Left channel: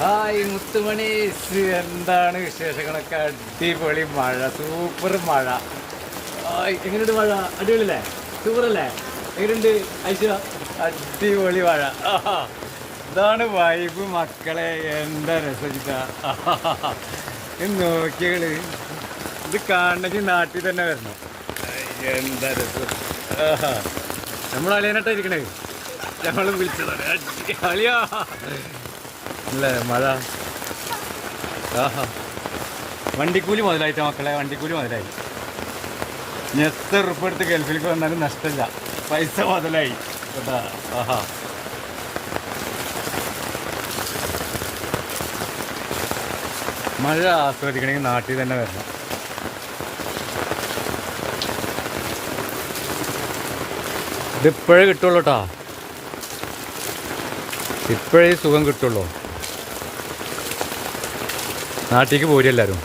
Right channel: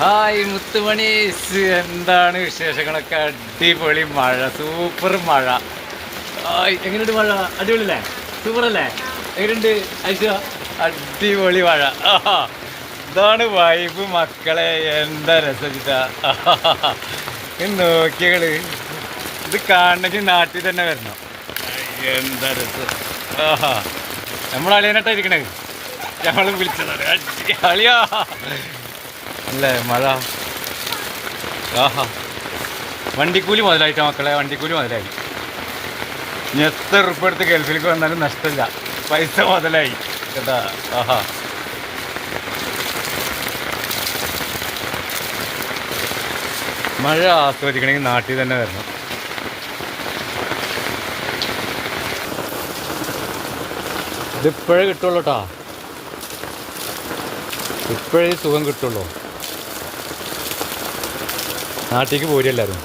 Hi മുത്തുമണീസ്, എന്താണ് വിശേഷങ്ങളൊക്കെ? അടിപൊളി മഴ, സൂപ്പർ മഴ. എങ്ങനെയുണ്ട് മഴ? അടിപൊളിയല്ലേ? സൂപ്പർ അല്ലേ? എങ്ങനെയുണ്ട് ഐശ? അടിപൊളി മഴ. ഇതാണ് വൈബ് മക്കളെ, എന്താ രസിച്ചിട്ടാ. നോക്കിയകള്, ഇത് കാണണമെങ്കിൽ നാട്ടിൽ തന്നെ വരണം. എന്താ രസം. നമ്മൾ അളിയനട്ടാ ഇരിക്കണേ, ഞങ്ങൾ വിളിച്ചതാണ്. അളിയാ അല്ലേ മഴ. വണ്ടിക്കൂലി മുതലായിട്ടാ മക്കളെ, വണ്ടിക്കൂലി മുതലായി. ഇനി എത്ര ഉറുപ്പ് എടുത്ത് ഗൾഫിലേക്ക് വന്നാലും നഷ്ടമില്ല, പൈസ മുതലായി കേട്ടാ. മഴ ആസ്വദിക്കണമെങ്കിൽ നാട്ടിൽ തന്നെ വരണം. ഇതിപ്പോഴേ കിട്ടുള്ളൂ കേട്ടോ, ഇപ്പോഴേ സുഖം കിട്ടുള്ളൂ. നാട്ടിലേക്ക് പോരും എല്ലാവരും.